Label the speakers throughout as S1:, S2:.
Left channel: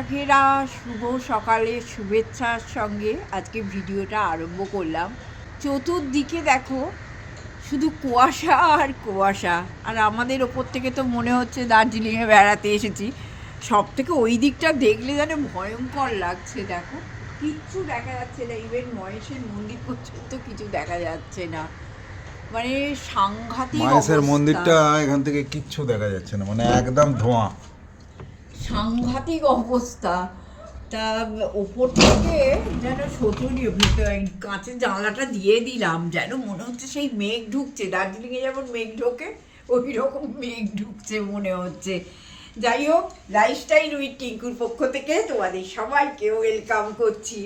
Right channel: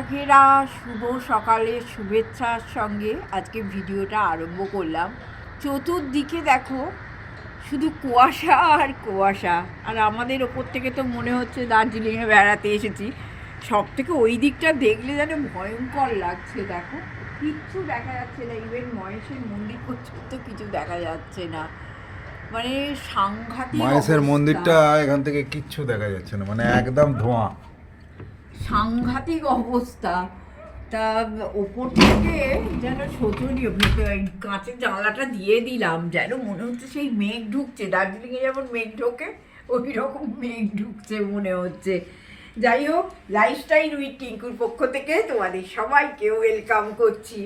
S1: কুয়াশা শুভ সকালের শুভেচ্ছার সঙ্গে আজকে ভিডিওটা আরম্ভ করলাম। চতুর্দিকে দেখো শুধু কুয়াশা আর কুয়াশা। আর আমাদের ওপর থেকে তো মনে হচ্ছে দার্জিলিংয়ে বেড়াতে এসেছি। সব থেকে ওই দিকটা দেখলে যেন ভয়ঙ্কর লাগছে দেখো। কিচ্ছু দেখা যাচ্ছে না ইভেন মহেশের মন্দির পর্যন্ত কিছু দেখা যাচ্ছে না। মানে সাংঘাতিক অবস্থা।
S2: মন্দিরটা এখান থেকে কিচ্ছু দেখা যাচ্ছে না মানে একদম ধোঁয়া।
S1: সাংঘাতিক অবস্থা। তা ওপর থেকে যেন শোচনীয় কাঁচের জানলাটা দিয়ে দিলাম, যেন মনে হচ্ছে সেই মেঘ ঢুকছে। দার্জিলিংয়ে যেমন মেঘ ঢোকে ওই রকম মেঘ ঢুকছে মনে হচ্ছে। যাই হোক লাইফস্টাইল উইথ টিঙ্কুর পক্ষ থেকে তোমাদের সবাইকে ওয়েলকাম করছি।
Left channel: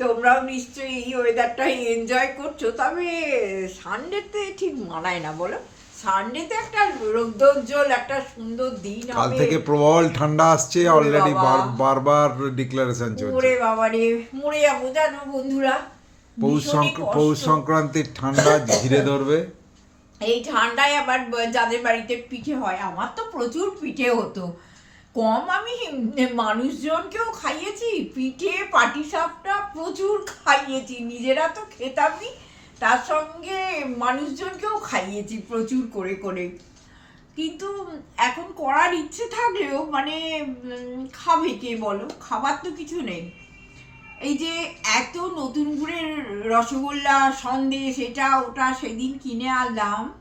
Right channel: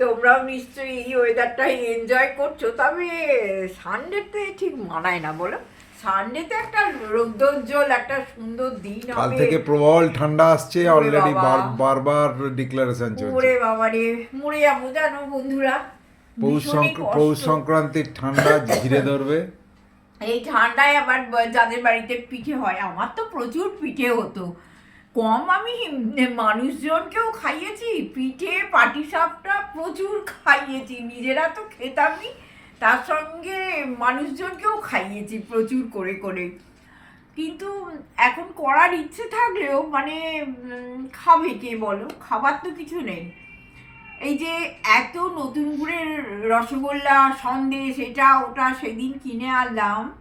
S1: তোমরাও নিশ্চয়ই এই ওয়েদারটা এনজয় করছ, তবে সানডেতে ঠিক মানায় না, বলো? সানডেতে একটা রৌদ্রোজ্জ্বল একটা সুন্দর দিন
S2: কাল
S1: হবে।
S2: থেকে প্রবল ঠান্ডা আসছে অলরেডি বারবার ডিক্লারেশন চলছে।
S1: ওরে বাবা রে মরে যাব জানো বন্ধুরা।
S2: পৌষ সংক্রান্তির ঠান্ডা ঘিরে ধরবে।
S1: এই ঠান্ডায় আবার যাদের বাড়িতে পিঠে হয় আমার তো প্রচুর পিঠে হতো। কম আমি মানুষজনকেও খাইয়েছি পিঠে পাটিসাপটা প্রচুর খাইয়েছি নিজেরা তো খেতামই। তার সঙ্গে মানুষজনকেও খাইয়েছি প্রচুর করে করে। কিন্তু এখন করার ইচ্ছে থাকলেও মানে খাবে কে বলো? খাবার তো কিছু নেই। এই যে এত নতুন গুড়ের রসগোল্লা, সন্দেশ, এটা, ওটা সেদিন কিনে আনলাম।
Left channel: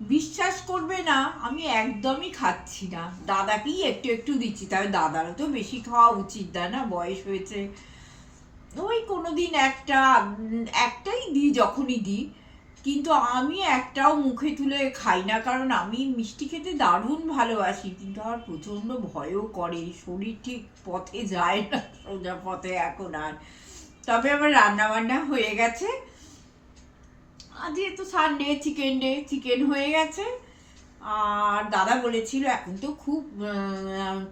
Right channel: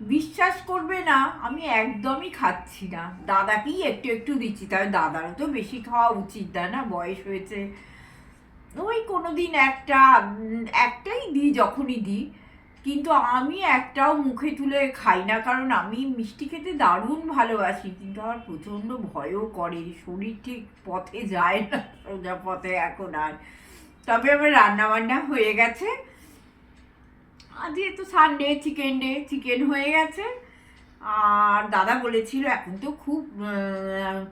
S1: বিশ্বাস করবে না, আমি একদমই খাচ্ছি না। দাদাকেই একটু একটু দিচ্ছি তবে দাদারও তো বেশি খাওয়া উচিত না? বয়স হয়েছে। ওই কোনো দিন একটা একটাই দিই যখনই দিই। কিন্তু আমি একটাও মুখে তুলে খাই না, কারণ আমি মিষ্টি খেতে দারুণ ভালোবাসি। কিন্তু আমার প্রচণ্ড ভয়ও করে, শরীর ঠিক পথে যায় না, সোজা পথে এখন আর। তবে আমার রান্না বান্না হয়ে গেছে। আজকে তো সানডে চিকেন ডে চিকেন হয়ে গেছে। আর দাদা বলেছিল এখন তো খুব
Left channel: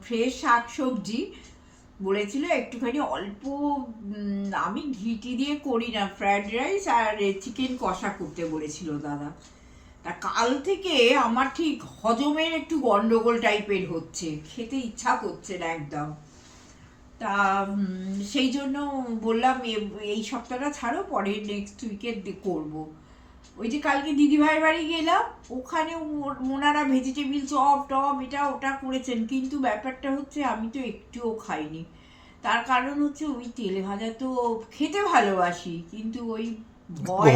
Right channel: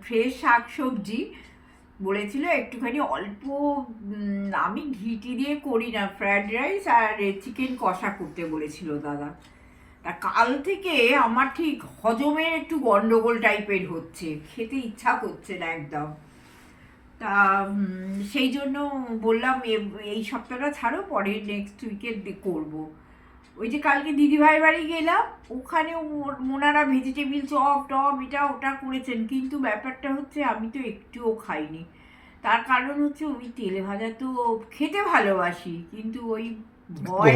S1: ফ্রেশ শাক সবজি বলেছিল একটুখানি অল্প আমি ঘিটি দিয়ে করি না ফ্রায়েড রাইস আর চিকেন কষা করতে বলেছিল দাদা। তা কাল থেকে আমার ঠিক হজমের একটু গন্ডগোল টাইপের হচ্ছে, খেতে ইচ্ছা করছে না একদম। তা সেই জন্য বললাম এই সপ্তাহটা ছাড়ো, পরে নেক্সট উইকে করব। ওই যে কালকে দিদিভাইয়ের বাড়ি গেলাম ওখানে ওনারা ভেজিটেবিল চপ টপ এটা ওটা করেছেন কিন্তু ব্যাপারটা হচ্ছে আমি তো একটুও খাইনি। তার কারণ হচ্ছে ওই তেলে ভাজা তো খেতে ভালোবাসি কিন্তু ওই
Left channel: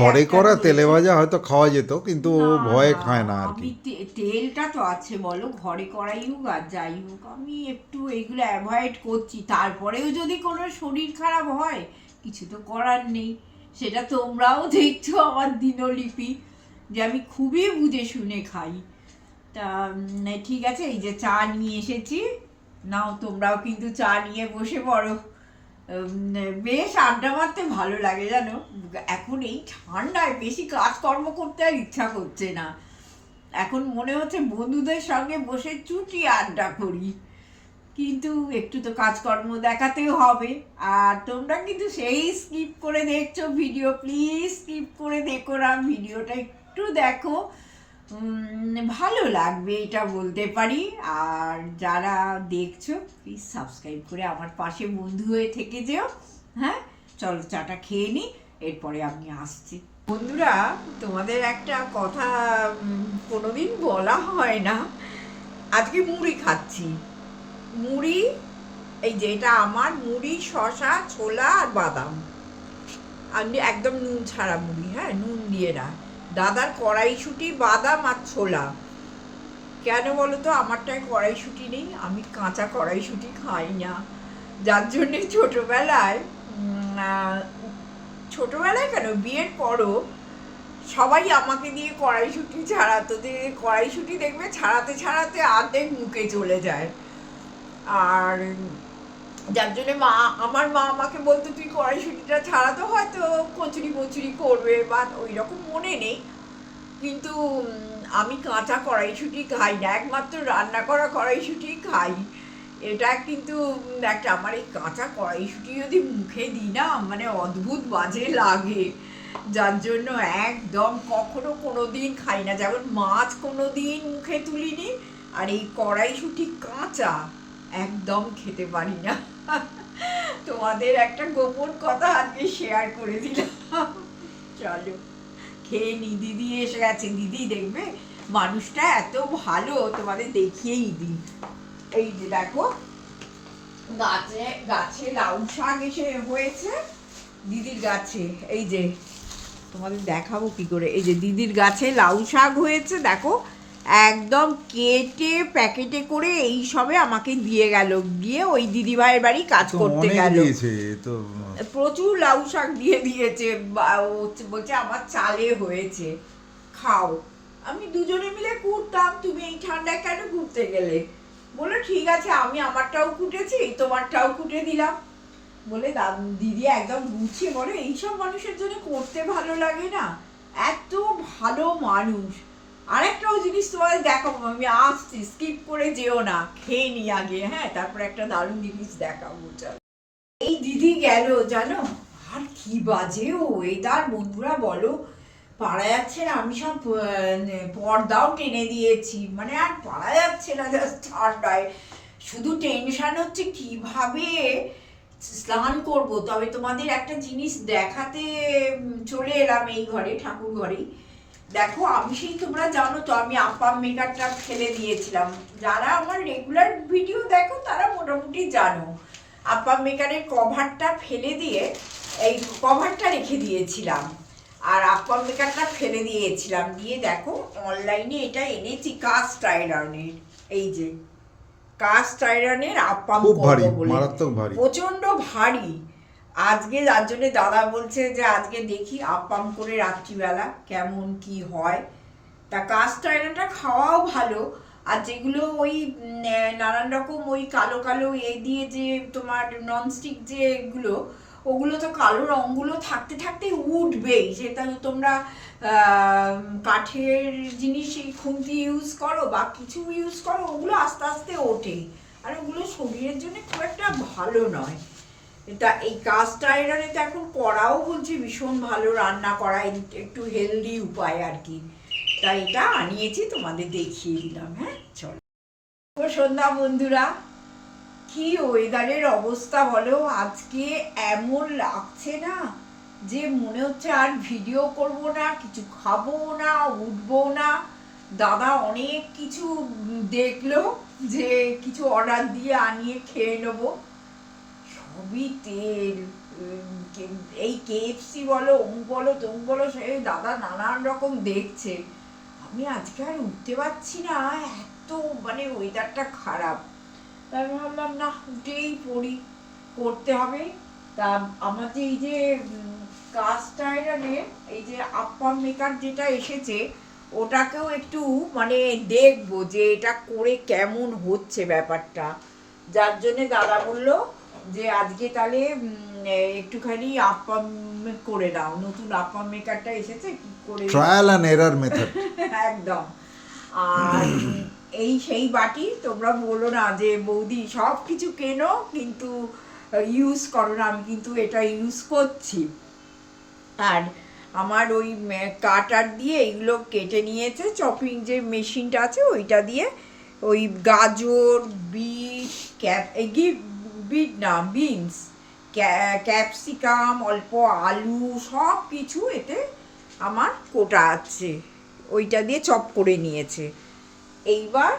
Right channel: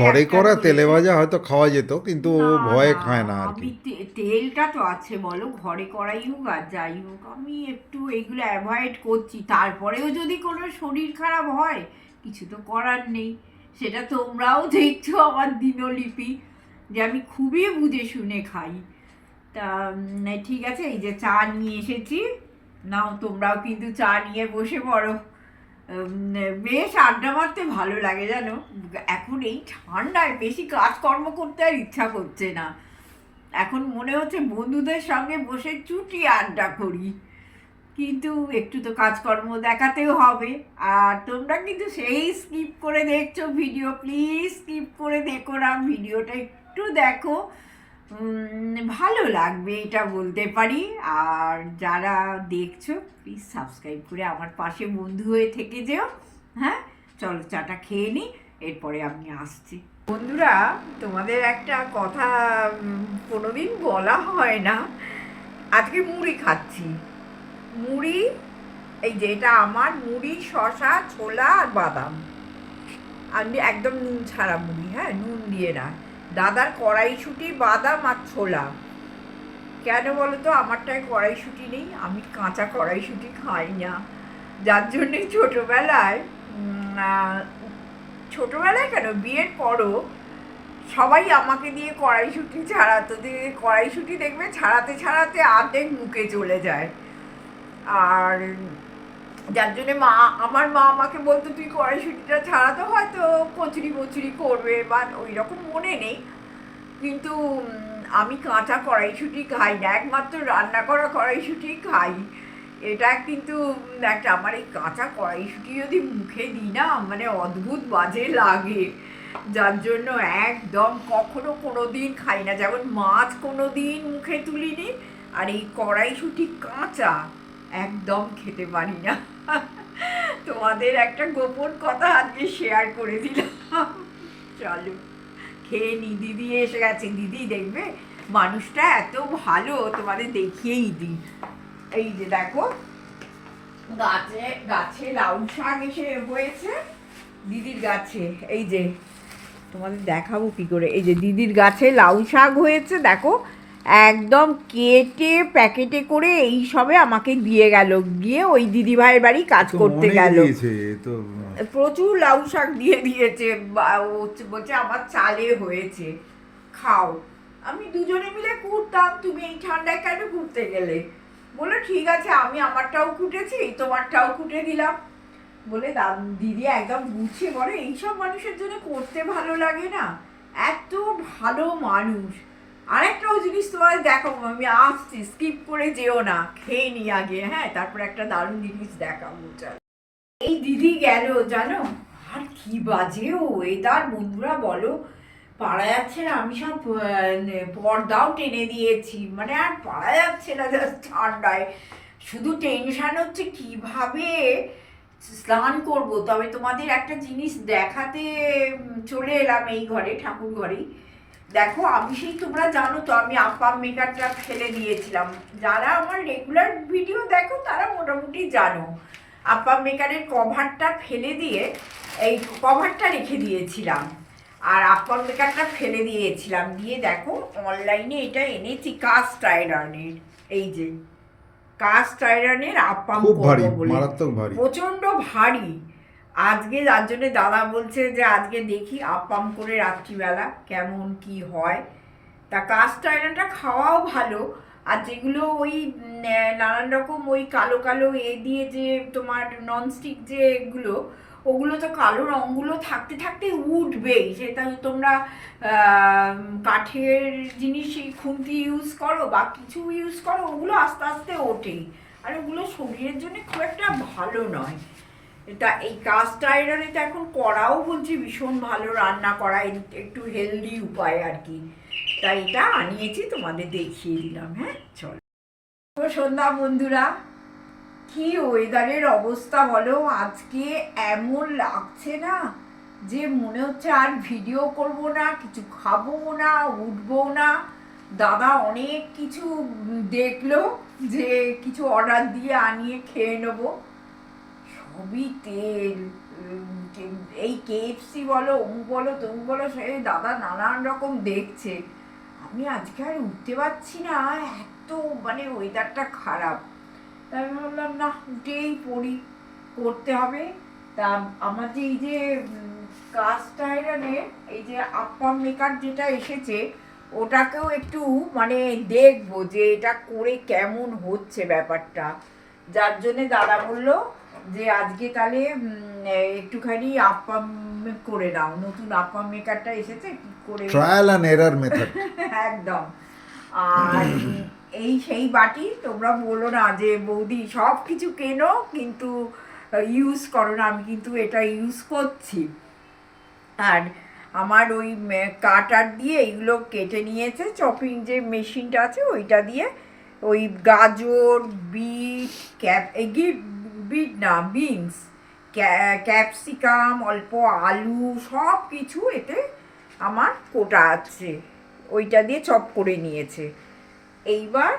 S2: ঘরে করা তেলে ভাজা হয়তো খাওয়া যেত কিন্তু ভয়ে খায় না আর
S1: আমি
S2: কি।
S1: তেলটা তো আছে বলো ঘরে করাই হোক আর যাই হোক আমি একটু এগুলো অ্যাভয়েড করছি। তারপরেও যদি কোনো শরীর খারাপ হয় কিছু তো করার নেই। সেটা তোমরাও দেখছ আমার দিনলিপি, যে আমি খুবই বুঝে শুনে খাই। তা ঠিক আছে, এই যে চা নিয়ে এসেছি। নাও, তোমরাও কিন্তু চা নিয়ে বসে পড়ো। বেশ আড্ডা মারতে ভালো লাগে জানো? এখন এই ঠান্ডায় বেশি কাজকর্ম করতে আর ইচ্ছা করছে না। এখন মনে হচ্ছে বন্ধুদের সঙ্গে বসে চুটি আড্ডা করি। কিন্তু একটু তো কাজকর্ম দেখাতেও হবে। আর তোমরা কিন্তু সেই স্কিপ করে দেখছ ভিডিও প্লিজ স্কিপ করে দেখো না ভিডিওটা একটু দেখো। ভালো লাগবে এটা বলতে পারি। আর যারা দেখছ প্লিজ সাবস্ক্রাইব করে আমার পাশে বন্ধু হয়ে থেকে যেও। হ্যাঁ চলো চাটা খেয়ে নিই এরপরে আমি আসছি। বন্ধুরা, তোমাদের একটা কথা কোনোদিন বলা হয় না। আজকে মুড়ি খাচ্ছি। মুড়ি, এই যে এটা আমার, মুড়ি শশা ছোলা আর বাদাম। আমি একদম নুন ছাড়া মুড়ি হ্যাঁ নুন দিয়ে না। দাদার কড়াইশুঁটি, বাদাম আর ছোলা। কেন বলো তো আমারটায় কড়াইশুঁটি নেই, আমি কাঁচা কড়াইশুঁটি খাই না। যার জন্যে ছোটোবেলায় ছোটোবেলায় কেন, বিয়ের পরও সবাই আমাকে দিয়ে কড়াইশুঁটি ছাড়াতো। যে কড়াইশুঁটি দেখবে, ছাড়াতে ছাড়াতে আর্ধেক মুখে চলে যায়। আর যার জন্য মা, আমার মা আমাকে বলতো, তুই কড়াইশুঁটিটা ছাড়াতে হয়তো কচুরি কচুরি করবে বা ওই রকম মনে নেই। কিন্তু আমি কাঁচা কড়াইশুঁটি খাই না, একমাত্র রান্না করা কড়াইশুঁটি খাই। এটা কিন্তু একটা আমার এই কাঁচা কড়াইশুঁটি যদি মুখে দিই না মানে অদ্ভুত বাজে লাগে। যার জন্য একদম কখনো কোনো দিন খাই না। যেমন মাছ কোনো দিন মুখে তুলিনি, আর এই কড়াইশুঁটি কাঁচা। একদম খেতে পারি না। তোমাদের একটা গোপন কথা আজকে শেয়ার করে দিলাম। চলো, খেয়ে নি, দিদি এসে গেছে। দিদি দেখবে, মানুষটা এত ভালো, তোমাদের দেখিয়েই দিই। এই যে দেখো, গাছে গাছে লাউ শাক এসে হয়েছে, দিদির গাছে। এই যে, তোমাদের দেখাবো কি করে? এই যে দিদির গাছে লাউ শাক হয়েছে, দেখো একদম কেটে প্যাকেটে করে এই সবে আমাকে দিয়ে গেল। দিয়ে ওই দিদি ভাইয়ের বাড়ি কাজ করতে গেল।
S2: তো
S1: প্রচুর লাউ শাক দিয়ে দিয়েছে। বলছে আমার চালে হয়েছে খাও। আমি দুজনে মিলে কুটতাম তুমি এই ঠান্ডায় কেন ঘুরতে গেলে? বলে ঠিক আছে আমি আমারটাও কুটেছি তোমারটাও কুটে দিলাম। বলে দিদি একদম গুছিয়ে বলে এইসব মানুষের জন্য করতে ভালো লাগে না। এত ভালো মানুষ আরেকটাও জিনিস তোমার দেখো, আমি আসছি স্কিপ করে যেও না, খেয়ে নি আগে হ্যাঁ? তারপর একটা দারুণ জিনিস দেখাবো চল এই দিদি গেল, জানো? আর কি বাজে ও ওয়েদার বন্ধুরা বলো পারা যাচ্ছে না, আমি সব পর্দাও টেনে দিয়েছি মানে আর পারা যাচ্ছে না just ঠান্ডায়। শুধু টেনশান হচ্ছে কীভাবে স্নান করব, তবে তোমাদের একটা জিনিস দেখাতে চলে এলাম এই ঘরে, ঠাকুর ঘরেই। দেখো আমি সেই তোমরা জানো তো আমি আপাম মেকারটা ফেলে দিয়েছিলাম। যারা আমার রেগুলার ভিডিও দেখো তারা মোটামুটি জানো। আপাম মেকারের কভারটা ফেলে দিয়ে এই কভারটা রেখে দিয়েছিলাম। আর আপাম মেকারটা ফেলে দিয়েছিলাম। দিয়ে দেখো অনলাইনে এটা এনেছি কাস্ট আয়রনের এই যে কাস্ট আয়রনের আপাম
S2: খুব ভারী মারাত্মক ভারী।
S1: প্রচণ্ড ভারী। আজকে যার জন্য দাদা বলছে যে আজকে দেখি আপাম করে রাত্রিবেলা কেমন কি হয়। তা কাস্ট আয়রনটা খাওয়াও ভালো। আর যেগুলো ওই নানান রকম ওই কালো কালো এ দিয়ে যে তোমার ননস্টিক যে এগুলো, ওগুলো তো কালো রঙগুলো থাকতে থাকতে উঠবেই। সেটা তোমরা কাঠের জিনিসই খুন্তি ইউজ করো বা কিছু ইউজ করো, ওগুলো আস্তে আস্তে ওঠেই। আর ওগুলো শরীরের জন্য খুব একটা ভালো নয়। তা এই কাস্ট আয়রনে তো এখন করাও বলছি ভীষণ ভালো রান্না করা একটু হেলদি উপায় আর কি। তাই এটা আনিয়েছি, তোমাদের দেখিয়ে দিলাম হ্যাঁ? চল। সন্ধ্যা বন্ধুরা, কি ওয়েদারের অবস্থা বলো? আজকে এমন লাগছে না যে মনে হচ্ছে আর ভিডিও করব না, কিছু খাব না উঠবো না। দাদা অনেক কিছু দেখল যে কিছু অর্ডার দিয়ে আনিয়ে খেয়ে নেব। সবই তেল এই কেএফসি বলো অমুক বলো তমুক বলো, সে দাদা নানান রকম দেখছে। আমি আজকে আর উঠতে পারছি না, এত মানে ওয়েদারটা খারাপ। তাই আমি ভাবলাম, না, উঠেই পড়ি, করতে হবে। তা আমার যে এই যে কাস্ট আয়রনে এই যে আপ্পাম মেকার যেটা এসেছে, ওটাকেও একটু মানে দেখব যে এটা করে কেমন হচ্ছে ব্যাপারটা। যার জন্যে দাদা বলল যে আজকে তাহলে একটুখানি আপ্পাম করে দাও। নতুন আপাম মেকারটা এসেছে কি করে?
S2: ট্রায়াল অ্যান্ড এরার মেথড
S1: একদম। আর এই সেই বাটি তোমরা বলো না যে বৌদি সব কিছু কেনো কিন্তু ইউজ করো না। আমি কিন্তু এটা ইউজ করছি। আর আমার ওই কাটার দিয়ে এইগুলো কেটে নিয়েছে। চপিং যে মেশিনটা আছে ওইটা দিয়ে ওই গাজর বিট ক্যাপ এই বিট না বিনস ক্যাপসিকাম, অল্প আলু সব কিছু এতে আমার কোটা আছে। ওইটা দিয়ে চপ করে নিয়েছে। এইবার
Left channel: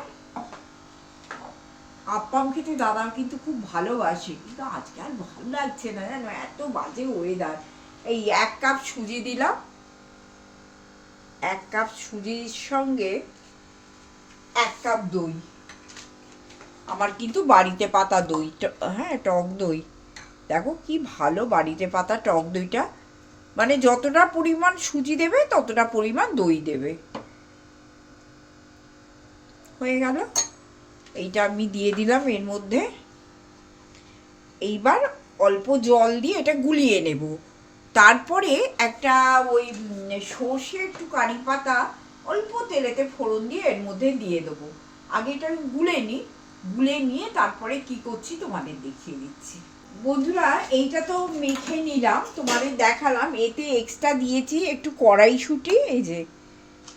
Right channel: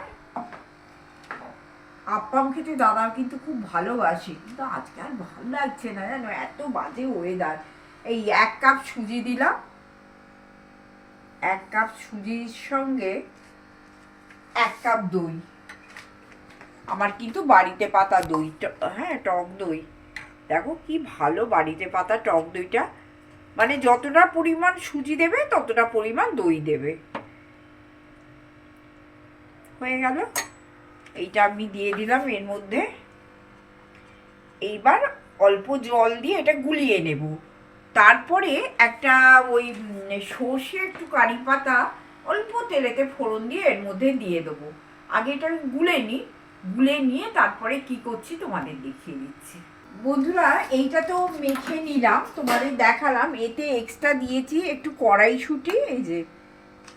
S1: আপ্পাম খেতে দাদা কিন্তু খুব ভালোবাসে, কিন্তু আজকে আর ভালো লাগছে না জানো, এত বাজে ওয়েদার এই এক কাপ সুজি দিলাম। এক কাপ সুজির সঙ্গে এক কাপ দই। আমার কিন্তু বাড়িতে পাতা দই হ্যাঁ টক দই। দেখো কি ভালো বাড়িতে পাতা, টক দইটা। মানে যতটা পরিমাণ সুজি দেবে, ততটা পরিমাণ দই দেবে। হয়ে গেল। এইটা আমি দিয়ে দিলাম এর মধ্যে। এইবার অল্প জল দিয়ে এটা গুলিয়ে নেব। তারপরে একটা ওই সর্ষে একটু কারি পাতা অল্প তেলেতে ফোড়ন দিয়ে এর মধ্যে দিয়ে দেবো। আগে এটা আমি গুলে নিই। গুলে নিয়ে তারপরে কি করছি তোমাদের দেখিয়ে দিচ্ছি। বন্ধুরা, এইটা তো মেখে নিলাম, তোমাদের দেখালাম। এতে এক্সট্রা দিয়েছি একটু কড়াইশুঁটি, এই যে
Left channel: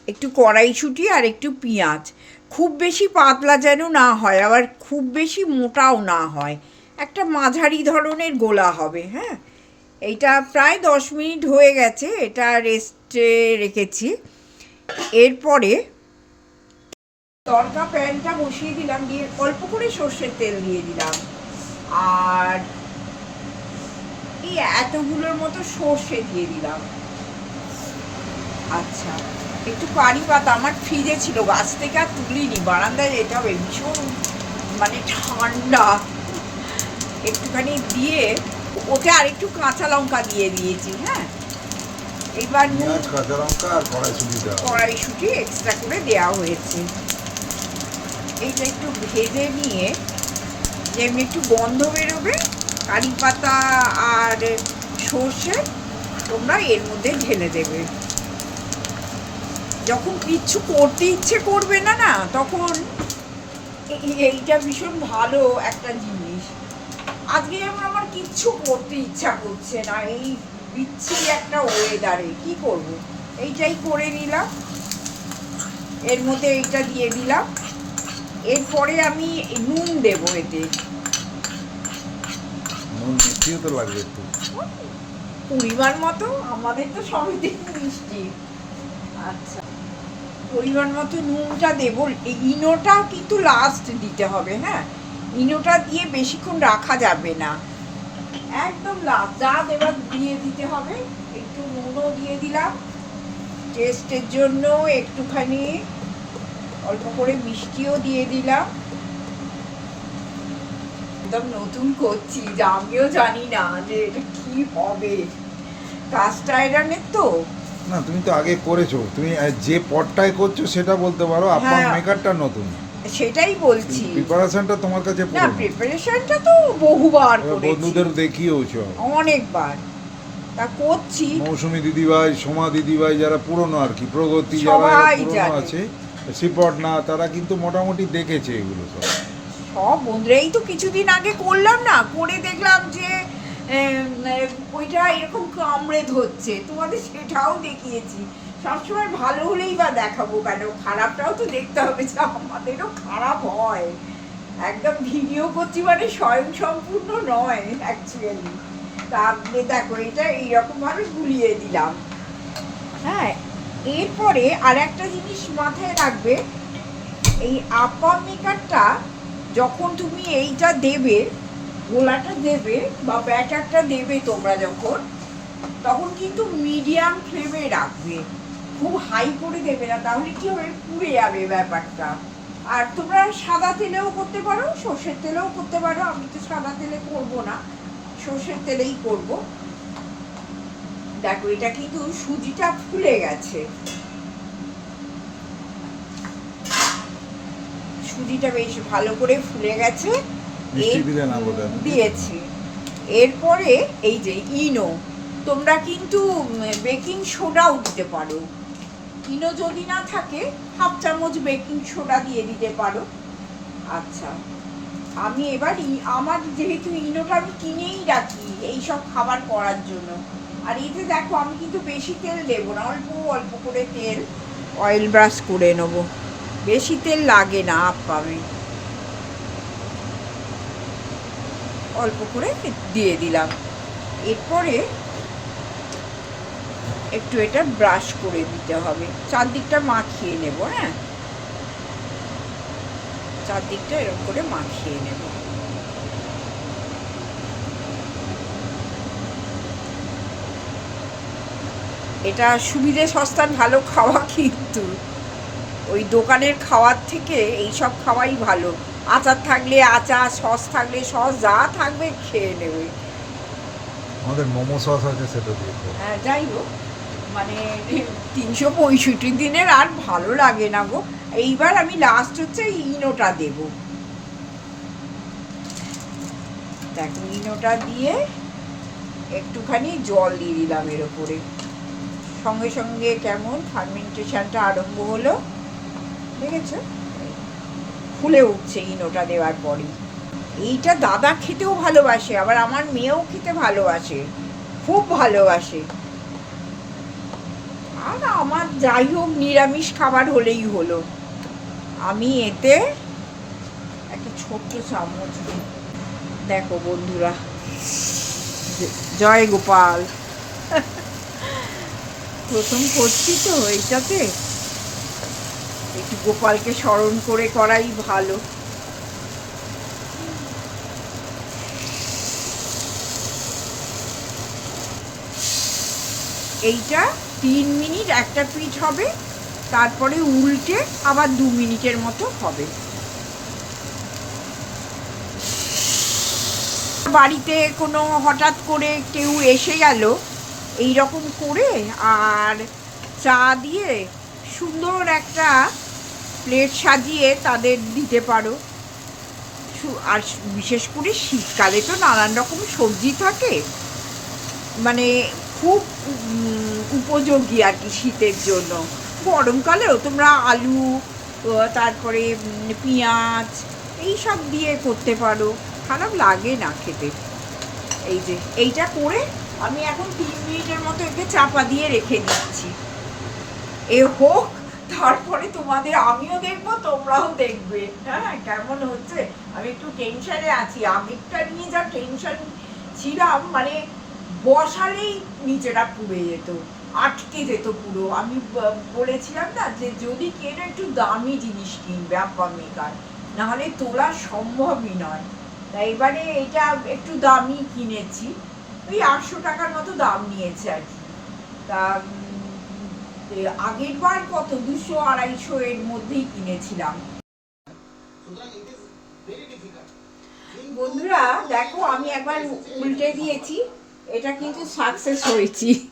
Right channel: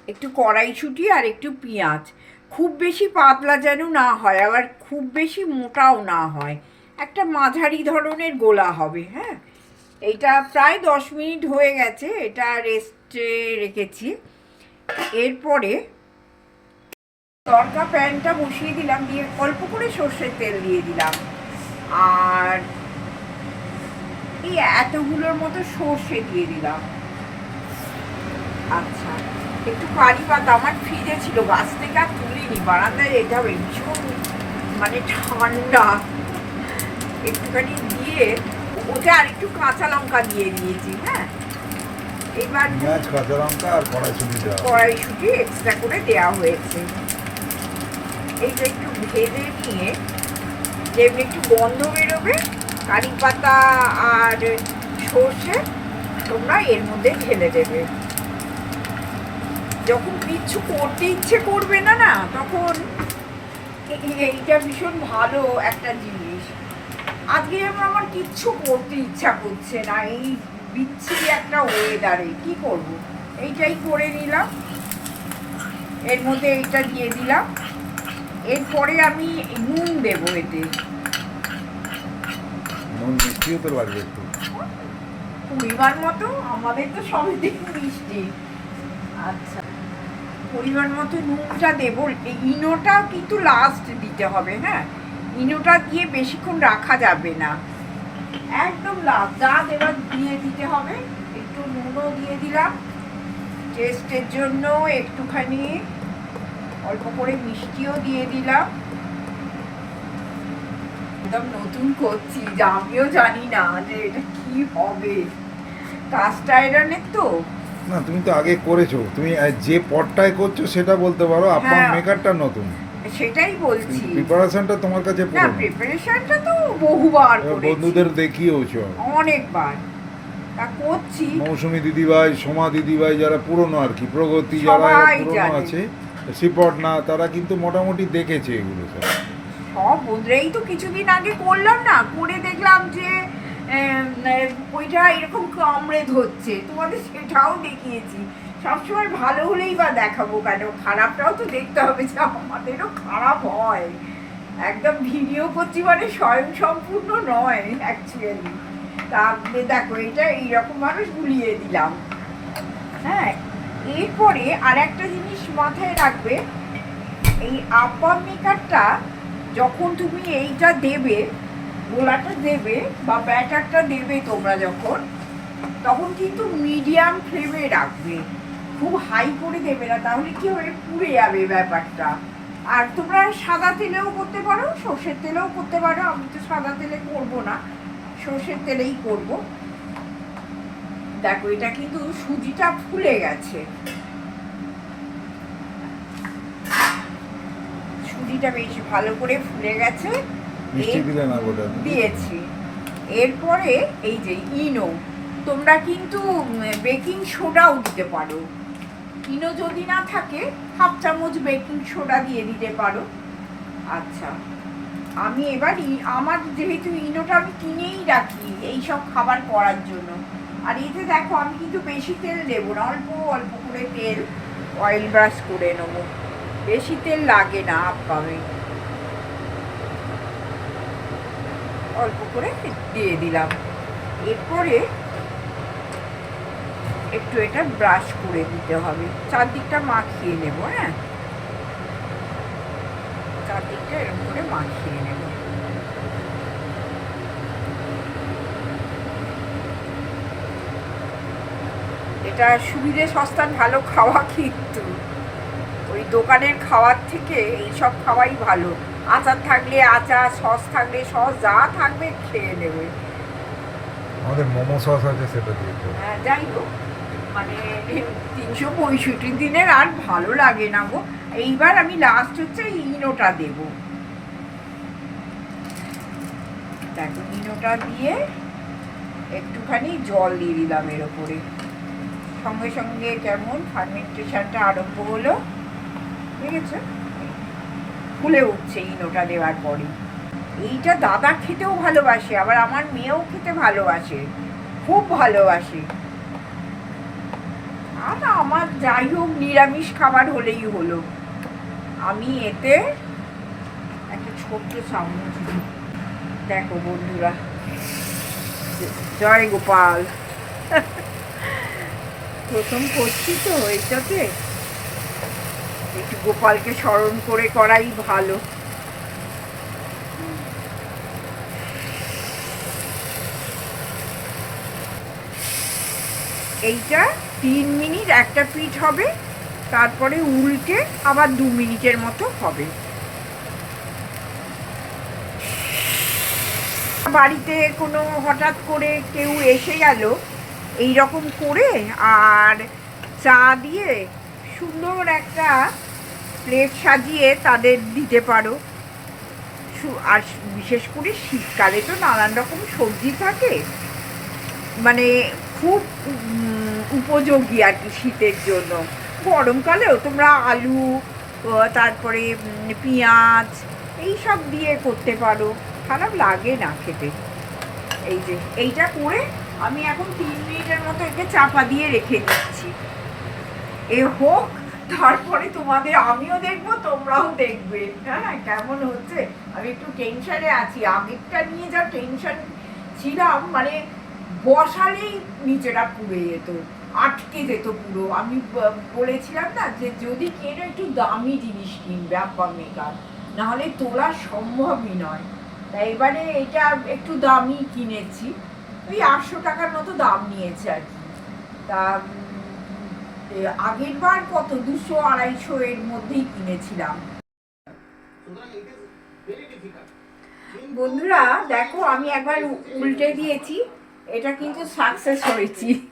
S1: একটু কড়াইশুঁটি আর একটু পেঁয়াজ। খুব বেশি পাতলা যেন না হয়, আবার খুব বেশি মোটাও না হয়। একটা মাঝারি ধরনের গোলা হবে হ্যাঁ? এইটা প্রায় দশ মিনিট হয়ে গেছে, এটা রেস্টে রেখেছি। এরপরে তরকা প্যানটা বসিয়ে দিলাম দিয়ে অল্প করে সর্ষের তেল দিয়ে দিলাম। আর এই এতগুলোর মতো সর্ষে দিয়ে দিলাম। আচ্ছা একটু পানি পাতা আমার ফ্রিজে ছিল গাছ থেকে আর তুলিনি। বারান্দায় এটা ভীষণ মানে ঠান্ডা। একটুখানি দিয়ে ওকে আরেকটু কাঁচা লঙ্কা দিয়ে দিয়েছি হ্যাঁ? এবার
S2: পেঁয়াজ কাঁচা লঙ্কা আর কড়াইশুটি
S1: কড়াইশুটি এক্সট্রা করে দেওয়া হয়েছে। এইটা একটু ভেজে নিয়ে যেমনি একটু গন্ধ বেরোবে, কারি পাতা আর সর্ষে তোমরা এর মধ্যে ঢেলে দেবে। যখন কিচ্ছু করতে ইচ্ছে করবে না না, তখন এইটা ভীষণ ভালো একটা জিনিস। আজকে আমার আমার কিচ্ছু করতে ইচ্ছা করছে না, এই বিচ্ছিরি একটা ওয়েদারে কি করব? এইটাই করে নিলাম। এর মধ্যে এইটা দিয়ে দিলাম। এরপরে আমি নুন দেবো এতে।
S2: নুন মিষ্টিও তো লাগবে একটু।
S1: পরিমাণ মতো? আমাদের তো সবই দিন মিষ্টি। আচ্ছা। পরিমাণ মতো নুনটা দেবো। এই ইনোটা কিন্তু লাস্ট দিতে হবে হ্যাঁ? ইনোটা দিয়ে বেশিক্ষণ রাখা যাবে না। একদম লাস্ট যা দেবার দিয়ে দিতে হবে। একটু নুনও দিয়ে দিলাম। টেস্টের জন্য একটুখানি অল্প করে মিষ্টিও দিয়ে দিলাম। একদম নতুন করছি যে আমিও জানি না যে এটা কি হবে। আয়রনের তো?
S2: না তুমি তো আগে করেছ। তুমি যে পটটায় করছ সেটা বলতে পারো আপনার
S1: হ্যাঁ।
S2: মেকারটা নতুন।
S1: সেটাই বলছি।
S2: প্রিপারেশনটা তোমার কাছে
S1: না প্রিপারেশনটা তো বহুবার করেছি।
S2: বন্ধুদের দেখিয়েওছো।
S1: অনেকবার। তা করছি।
S2: মৌসুমী দিদিভাই সোমা দিদিভাই যারা পুরনো আর কি প্রগতি যারা পুরনো আছে শ্রীপট না, তারা কিন্তু মোটামুটি দেখেছে এগুলো সব।
S1: সব তো কিছুদিন আগে করলাম না, করে দেখলাম যে ওইটা এরকম কামড়ে ধরছে তোমাদের সেটাও দেখিয়েছি। সবসময় ভালো হলেই বা দেখাবো কেন? খারাপটাও তো দেখতে হবে যে আমাদেরও খারাপ হয়। একদম ভিডিও করছি মানে স্বয়ং সম্পূর্ণ নয় অ্যাকচুয়ালি তাহলে দেখো, এটা এইরকম ভাবে গুলিয়ে দিলাম। হ্যাঁ এরপরে আর একটা জিনিস মাথায় রাখবে, এই আপার মেকারটা যখন তুমি এইটা দেবে, গোলাটা দেবে বা ব্যাটারটা দেবে তোমরা যখন, তখন কিন্তু মিডিয়াম ফ্লেমে রাখবে। খুব হাই করে দেবে না, তাহলে কি হবে? পুড়ে যাবে ব্যাপারটা। আর তোমরা সাদা তেলেও করতে পারো, সর্ষের তেলেও করতে পারো। আমি তো সাদা তেলে করব না, সর্ষের তেলেই করব। দেখো এটা কিন্তু সুজিটা ফুলে গেছে। সুজিটা বেশ ভালো করে ফুলে গেছে। দিয়েছি। এরপরে এই যে ইনো তোমরা কিন্তু বেকিং সোডাও দিতে পারো। ইনো যদি না থাকে হাফ চামচ বেকিং সোডা দিয়ে দিতে পারো। আচ্ছা আমি এবার আমার যেহেতু ইনোটা আমি কিনেই রাখি এইসব খাবার করার জন্য। আর এতে দেখো, আমি কিন্তু বেশি তেল দেবো না, অল্প অল্প করে তেল অয়েল ব্রাশ করে নেব। বেশি তেল লাগে না পাবে অল্প করে দিয়ে দিলাম। এরপরে একটু এটা ব্রাশ করে দিতে হবে। চারদিকটা মাখিয়ে নেব হ্যাঁ? চারদিকটা এরকম করে মাখিয়ে নেব। এটা সুবিধে সস্তার ভালো খাওয়া কিন্তু। ওই দোকানের খাওয়ার থেকে এইসব খাওয়াই ভালো। আচার থাকলে আচার সস থাকলে সস যা থাকবে খেয়ে নেবে।
S2: আমাদের মোমো সস আছে সেটা দিয়ে
S1: হ্যাঁ যাই হোক। মানে তিনশো পঁয়ষট্টি দিনের আর ভালো লাগে না গো। এইবার আমি লাস্ট হচ্ছে ইনোটা দেব। দেখো ইনোটা দিয়ে একটুখানি জল দিয়ে দিলাম এর ওপরে। সঙ্গে সঙ্গে কেমন ফার্মেন্টেশনটা আরম্ভ হলো। ঠিক আছে? ফুলে উঠছে ইনোটা দেওয়ার পরই। এইটা দাদা খেতেও ভালোবাসে, আবার আমার মেয়েও খেতে ভালোবাসে। খুব ভালোবাসে। আর আমার যাই হোক, নিরামিষ খাবার হলেই হলো। আমি এতে একটা ছোট্ট চামচ দেখো বন্ধুরা। জয় গোপাল। প্রথম করছি তো এইটাতে একটু গোপালকে স্মরণ করে করাই ভালো। এইটা তিন মিনিট একটা পিঠ হবে, তারপরে উল্টে আবার দু মিনিটের মতো হবে। বাড়িতে কোনো হঠাৎ করে কেউ এসে গেল এই রকম করে আর চা দিয়ে সুন্দর একটা প্লেট সাজিয়ে তাদের দিতে পারো। আর বিশেষ করে শীতকালে তো নানান রকম সবজি থাকে। মানে খুব উপযোগী আর কি শীতের জন্য। গরমকালেও তোমরা আলু তারপরে পেঁয়াজ এই সব দিয়ে করতে পারো। খারাপ লাগে না খেতে। এই যে, এইটা করে আমি এখন তিন মিনিটের মতো একে চাপা দিয়ে রেখে দিচ্ছি। এ হোক, তারপরে তোমাদের, আমিও দেখব, তোমরাও দেখবে। হ্যাঁ কেমন হচ্ছে? আমি একটু টেনশনে আছি। আগেরটা নিয়ে যা টেনশন ছিলাম মানে বসালেই নিচেটা পুড়ে যেত, আটকে যেত পুরো। আমি বলেছিলাম না যে যদি কেন একটু দামি জিনিস কিনবে আব্বা মেকার নাহলে তোলা সম্ভবই নয়। তাই এবারে এটা একটু দামি কিনেছি। ওই আটশো টাকার মতো দাম নিয়েছে আর কি। তা উম, এ, আগের বার কত? দুশো আড়াইশো এর মধ্যেই কিনেছিলাম। বন্ধুরা দেখো আমি একবার উল্টে দিয়েছি। এটা কিন্তু সাকসেস হয়েছি।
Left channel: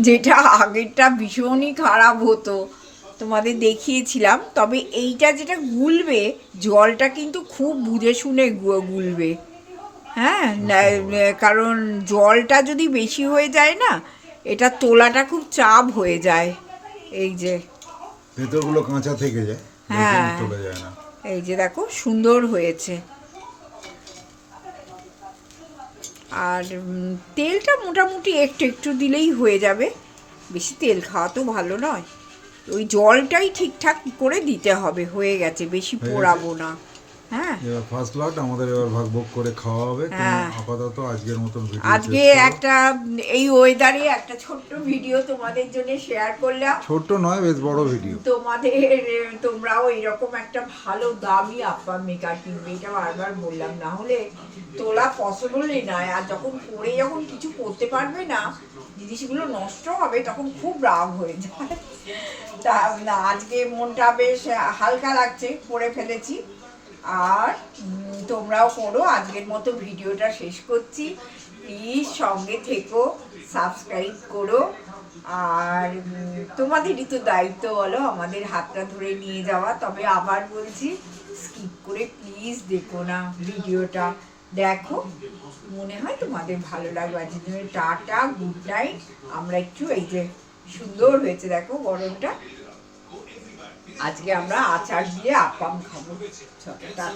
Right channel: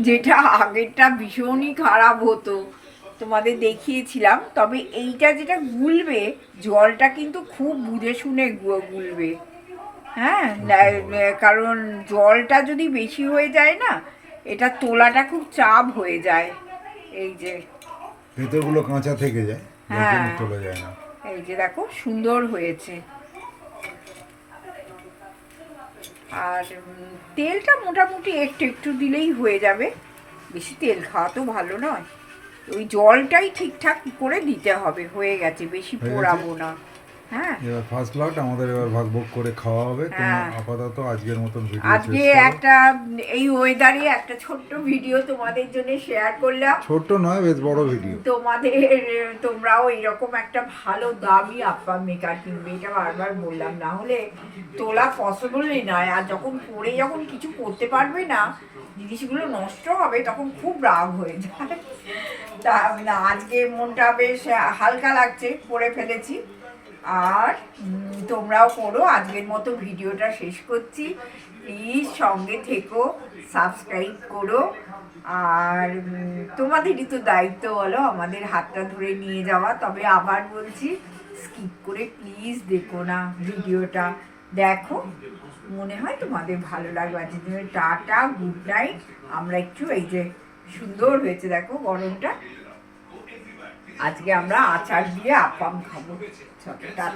S1: যেটা আগেরটা ভীষণই খারাপ হতো। তোমাদের দেখিয়েছিলাম। তবে এইটা যেটা গুলবে জলটা কিন্তু খুব বুঝে শুনে গুলবে। হ্যাঁ কারণ জলটা যদি বেশি হয়ে যায় না এটা তোলাটা খুব চাপ হয়ে যায়। এই যে।
S2: ভেতরগুলো কাঁচা থেকে যায়
S1: হ্যাঁ।
S2: তোলা যায় না।
S1: এই যে দেখো সুন্দর হয়েছে। আর তেলটা মোটামুটি একটু একটু দিলেই হয়ে যাবে। বেশি তেল খাওয়া তো ভালো নয়। ওই জলটাই ঠিকঠাক করে দিতে হবে হয়ে গেছে বেশি পোড়াবো না। হ্যাঁ।
S2: এবার ফার্স্ট লট আমাদের এবার ভাগ ভোগ করে খাওয়া হবে। তুমি
S1: হ্যাঁ।
S2: আপাতত আজকের মতন ভিডিও
S1: আজকে একটা এই ওয়েদারে একটা ছোট্ট ভিডিও তোমাদের জন্য শেয়ার করলাম।
S2: ছোট্ট নয় বেশ বড় ভিডিও
S1: তোমাদের তোমরাও এরকম একটা ভালো দামি আপ্পা মেকার কিনবে এটা বারবার বললাম। না হলে তোলা পসিবলই নয়। আর যখন পরে যখন কিছু করতে পারবে না জিনিসগুলো নষ্ট হবে তখন খুব রাগ হয়ে যায়। তা না আজকে মনটা বেশ হালকা লাগছে পরে ফেলেছি। আর তোমরাও করো, আজকের মতো ভিডিওটা শেষ করছি। প্লিজ সঙ্গে থেকো সাবস্ক্রাইব করো। আর তোমাদেরই তো দায়িত্ব বলো, আমাদের হাতটা ধরে নিয়ে যাওয়া। তবে আবার বলছি স্কিপ করে প্লিজ দেখো না ভিডিওটা। দেখো, মনে হয় তোমাদের ভালো লাগবে। আজকের জন্য টাটা গুড নাইট আমরা একটু এই যে সুন্দর হয়েছে, দেখো গরমটা। আজকে আমরা আচার দিয়ে আপাম খাব। টাটা।